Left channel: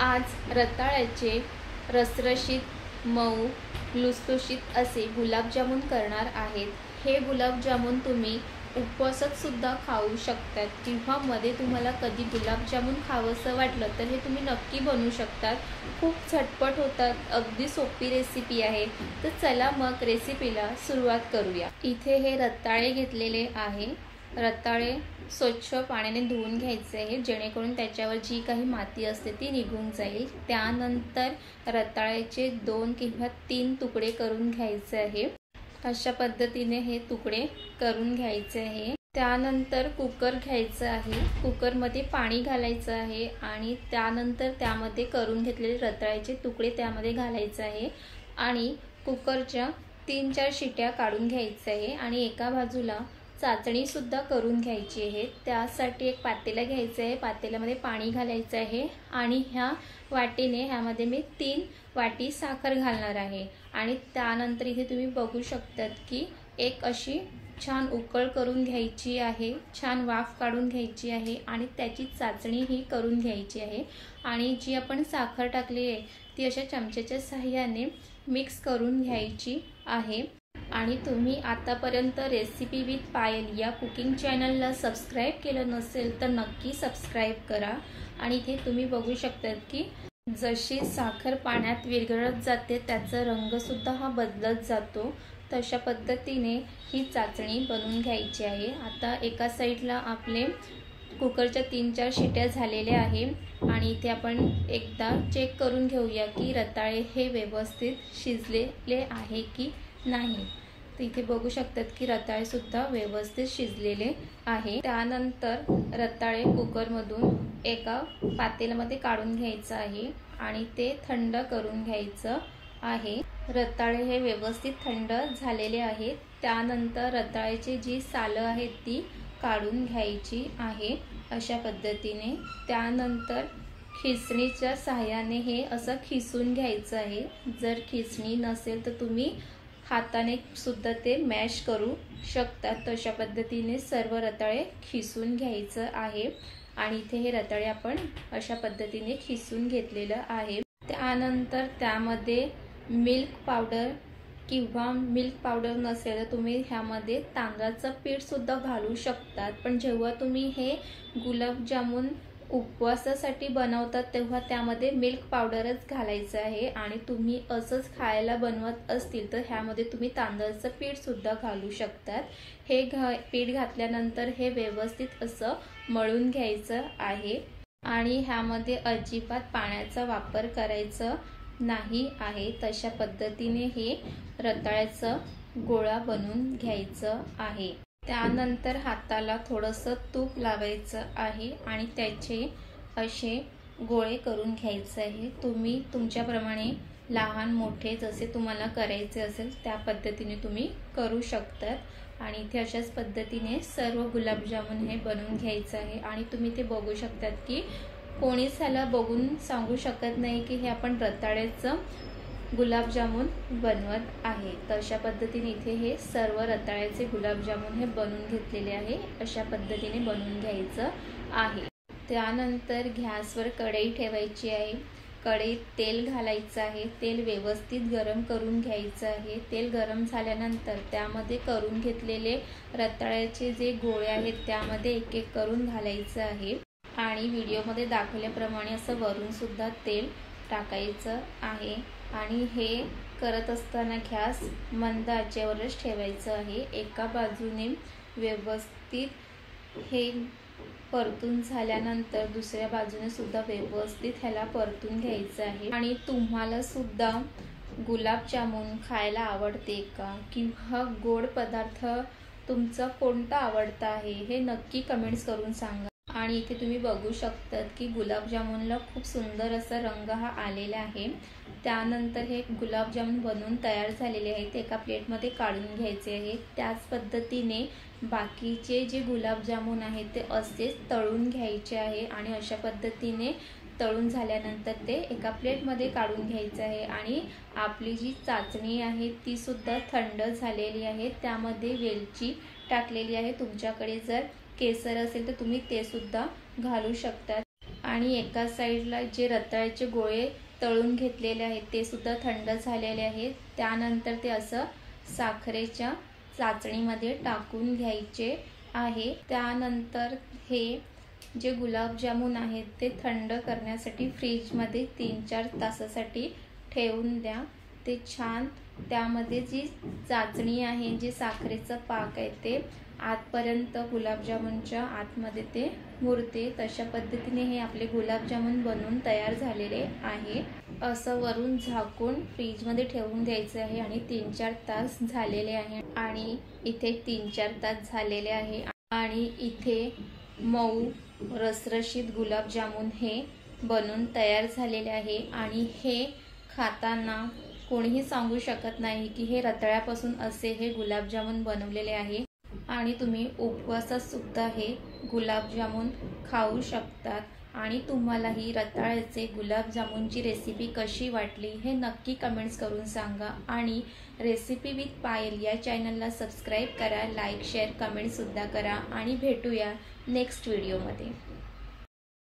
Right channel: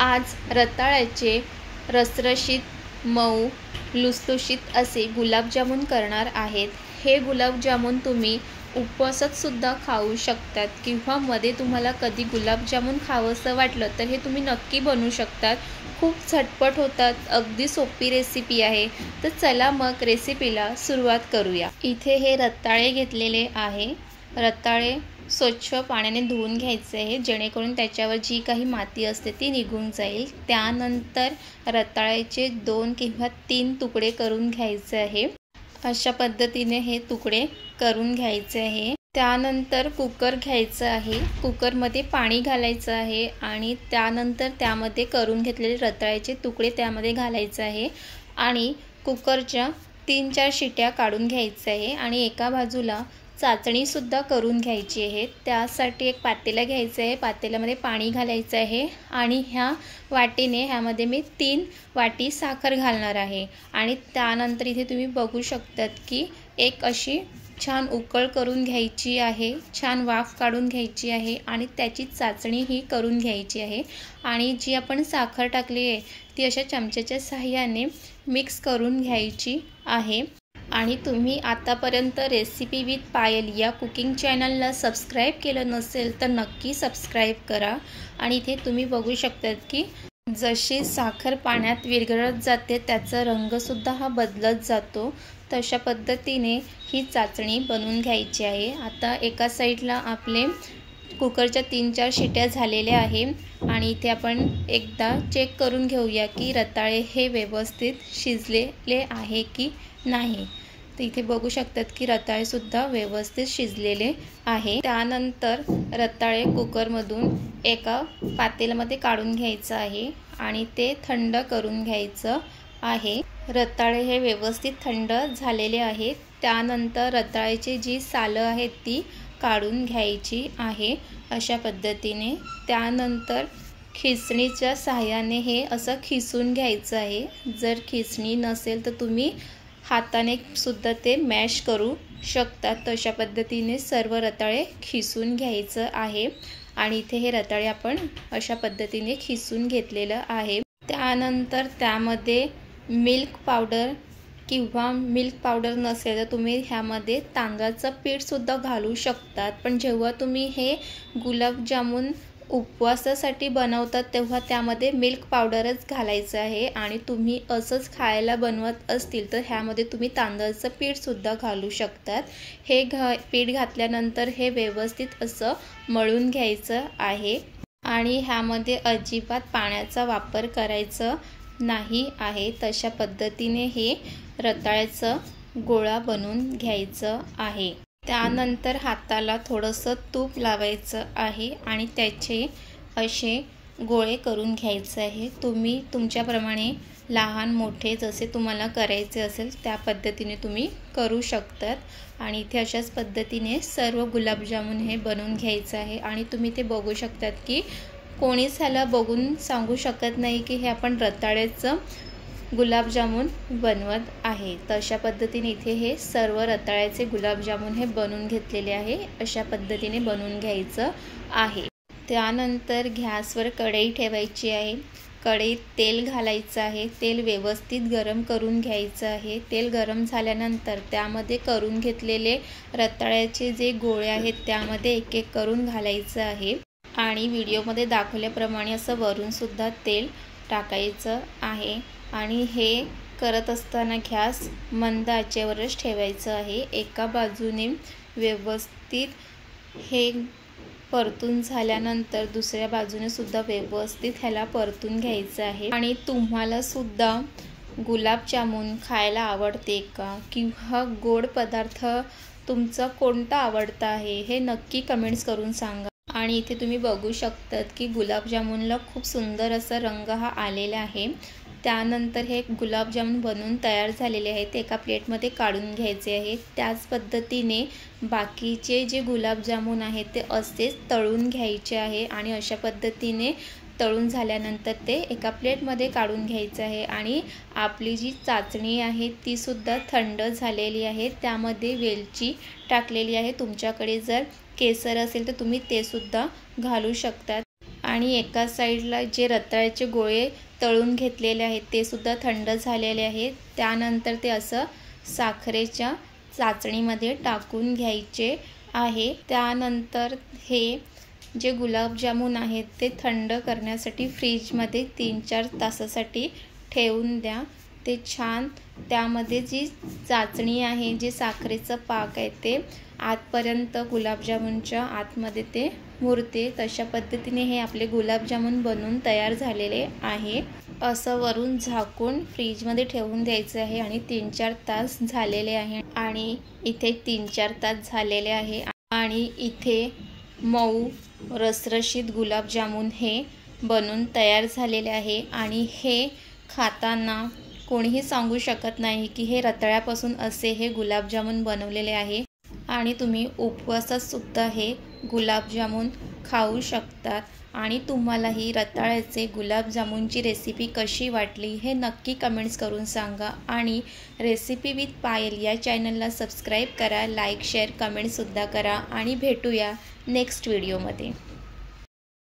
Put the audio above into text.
आज रताळ्याचे रसरशीत मऊ लुसलुशीत असे गुलाबजामुन करणार आहेत। हे गुलाबजामुन तुम्ही उपवासात सुद्धा खाऊ शकतात किंवा मध्ये तुम्हाला कधी गुलाबजामुन खावंसं वाटलं तर हे तुम्ही नक्की बनवू शकतात। खूप झटपट होतात, अगदी सोपी रेसिपी आहे। तर चला मग रेसिपीला सुरुवात करूया। इथे हे रताळे घेतलेले आहे। रताळे स्वच्छ पाण्याने धुवून घ्यायचे आहे जेणेकरून त्याच्यावर जी काही माती असते ती निघून जाईल। त्यानंतर रताळ्याचे 2 किंवा 3 तुकडे करून घ्यायचे आहे। अशा पद्धतीने हे तुकडे करून घ्यायचे आहे। त्यानंतर कुकर घ्यायचा आहे। कुकरमध्ये पाणी घालायचं आहे आणि त्यानंतर त्यामध्ये करून घेतलेले रताळ्याचे तुकडे त्यामध्ये घालायचे आहे आणि कुकरच्या 3-4 शिट्या काढून घ्यायच्या आहे आणि एका बाजूला चाचणी सुद्धा करून घ्यायची आहे। त्यासाठी एक पातेला घ्यायचं आहे। पातेल्यामध्ये पाणी घालायचं आहे आणि ह्या वाटीने ह्यामध्ये मी 3 वाटी साखर घालणार आहे आणि त्यानंतर इथे तुम्ही बघू शकतात की एक अशी छान उकळ करून घ्यायची आहे, छान वाफ काढून घ्यायची आहे आणि त्याची चाचणी ही करून घ्यायची आहे आणि जी आपण साखर टाकली आहे ती अशा चमच्याच्या सहाय्याने मिक्स करून घ्यायची आहे। आणि तुम्ही आतापर्यंत रेसिपी विथ पायल या कुकिंग चॅनलला सबस्क्राईब केलं नसेल तर नक्की सबस्क्राईब करा। आणि इथे तुम्ही बघू शकतात की जशी साखर पाण्यात विरघळत जाते त्याचा रंगसुद्धा हा बदलत जातो। तशा पद्धतीने ही चाचणी बनवून घ्यायची आहे। आता एका साईडला आपले कुकरच्या 3-4 शिट्या झालेल्या आहे आणि इथे आपण एकदा चेक करून घेऊया की रताळे हे व्यवस्थित शिजलेले आहे की नाही। तर इथे बघू शकतात की रताळे सुद्धा व्यवस्थित शिजलेले आहे। त्यानंतर रताळे कुकरमधून एका पातेल्यामध्ये काढून घ्यायचं आहे आणि ते थंड करून घ्यायचं आहे। रताळे हे व्यवस्थित थंड झालेले आहेत। त्यानंतर रताळ्याची जी सालं आहेत ती काढून घ्यायची आहे अशा पद्धतीने। त्यानंतर खिसणीच्या सहाय्याने हे असं खिसून घ्यायचं आहे। जर खिसणी नसेल तर तुम्ही हाताने सुद्धा ते मॅश करू शकता। तशा पद्धतीने सर्व रताळे खिसून घ्यायचं आहे आणि इथे हे रताळे आपण अशा पद्धतीने खिसून घेतलेलं आहे। त्यानंतर त्यामध्ये मिल्क पावडर किंवा मिल्क पावडर नसेल तर तुम्ही ह्यामध्ये तांदळाचं पीठ सुद्धा घालू शकतात। पण जेव्हा तुम्ही हे गुलाबजामुन उपवासासाठी बनवतात तेव्हा त्यामध्ये मिल्क पावडरच घालायचं आहे आणि तुम्ही असंच खायला बनवत असतील तर ह्यामध्ये तुम्ही तांदळाचं पीठ सुद्धा घालू शकतात। हे पीठ घातल्यानंतर हे व्यवस्थित असं मळून घ्यायचं आहे आणि ह्यामध्ये अजिबात पाण्याचा वापर करायचा नाही आहे। तशा पद्धतीने हे रताळ्याचं गोळा बनवून घ्यायचं आहे। त्यानंतर हाताला थोडंसं तूप लावायचं आहे आणि त्याचे असे गोळे करून घ्यायचे आहे। तुम्ही तुमच्याप्रमाणे लहान मोठे जसे तुम्हाला करायचे असेल त्या पद्धतीने तुम्ही करू शकतात आणि इथे अशाच पद्धतीने सर्व गुलाबजामुन हे बनवून घ्यायचं आहे आणि तुम्ही ते बघू शकतात की कोणीच ह्याला बघून सांगू शकत नाही की हे आपण रताळ्याचं गुलाबजामुन बनवत आहे। तर अशा पद्धतीने इथे हे सर्व रताळ्याचे गुलाबजामुन हे बनवून घेतलेले आहे। अशा पद्धतीने बनवून घ्यायचं आहे। त्यानंतर गॅसवर कढई ठेवायची आहे। कढईत तेल घालायचं आहे। तेल व्यवस्थित गरम करून घ्यायचं आहे। तेल गरम झाल्यानंतर त्यामध्ये करून घेतलेले रताळ्याचे जे गोळे आहेत त्यामध्ये एक एक करून घालायचं आहे आणि व्हिडिओमध्ये दाखवल्याप्रमाणे असं वरून सुद्धा तेल टाकायचं आहे आणि हे करत असताना गॅस मंद आचेवरच ठेवायचं आहे। एका बाजूने व्यवस्थित हे परतून झाल्यानंतर दुसऱ्या बाजूने सुद्धा व्यवस्थित ह्याला परतून घ्यायचं आहे। आणि तुम्हाला सुद्धा गुलाबजामुन खायला आवडते का किंवा गोड पदार्थ तुमचा कोणता आवडता आहे हे नक्की कमेंट्स करून सांगा। आणि इथे तुम्ही बघू शकतात की गुलाबजामुनला खूप सुंदर असा रंग हा आलेला आहे। त्यानंतर हे गुलाबजामुन बनवून तयार झालेले आहेत, एका प्लेटमध्ये काढून घ्यायचे आहे। त्याच पद्धतीने बाकीचे जे गुलाबजामुन आहेत ते असेच तळून घ्यायचे आहे आणि अशा पद्धतीने तळून झाल्यानंतर ते एका प्लेटमध्ये काढून घ्यायचं आहे। आणि आपली जी चाचणी आहे ती सुद्धा थंड झालेली आहे। त्यामध्ये वेलची टाकलेली आहे। तुमच्याकडे जर केसर असेल तर तुम्ही ते सुद्धा घालू शकतात आणि एका साईडला जे रताळ्याचे गोळे तळून घेतलेले आहेत ते सुद्धा थंड झालेले आहेत। त्यानंतर ते असं साखरेच्या चाचणीमध्ये टाकून घ्यायचे आहे। त्यानंतर हे जे गुलाबजामुन आहेत ते थंड करण्यासाठी फ्रीजमध्ये 3-4 तासासाठी ठेवून द्या। ते छान त्यामध्ये जी चाचणी आहे, जे साखरेचं पाक आहे ते आतपर्यंत गुलाबजामुनच्या आतमध्ये ते मुरते। तशा पद्धतीने हे आपले गुलाबजामुन बनवून तयार झालेले आहे। असं वरून झाकून फ्रीजमध्ये ठेवून द्यायचं आहे आणि 3-4 तास झालेले आहे आणि इथे 3-4 तास झालेले आहे आणि इथे मऊ रसरशीत गुलाबजामुन हे बनून तयार झालेले आहे आणि हे खाताना कोणीही सांगू शकत नाही की हे रताळ्यापासून असे हे गुलाबजामुन बनवलेले आहे आणि तुम्ही उपवासात सुद्धा हे गुलाबजामुन खाऊ शकतात। आणि तुम्हाला ही रताळ्याचे गुलाबजामुनची रेसिपी कशी वाटली हे नक्की कमेंट्स करून सांगा आणि रेसिपी विथ पायल या चॅनलला सबस्क्राईब करा, लाईक शेअर कमेंटसुद्धा करा आणि भेटूया नेक्स्ट व्हिडिओमध्ये।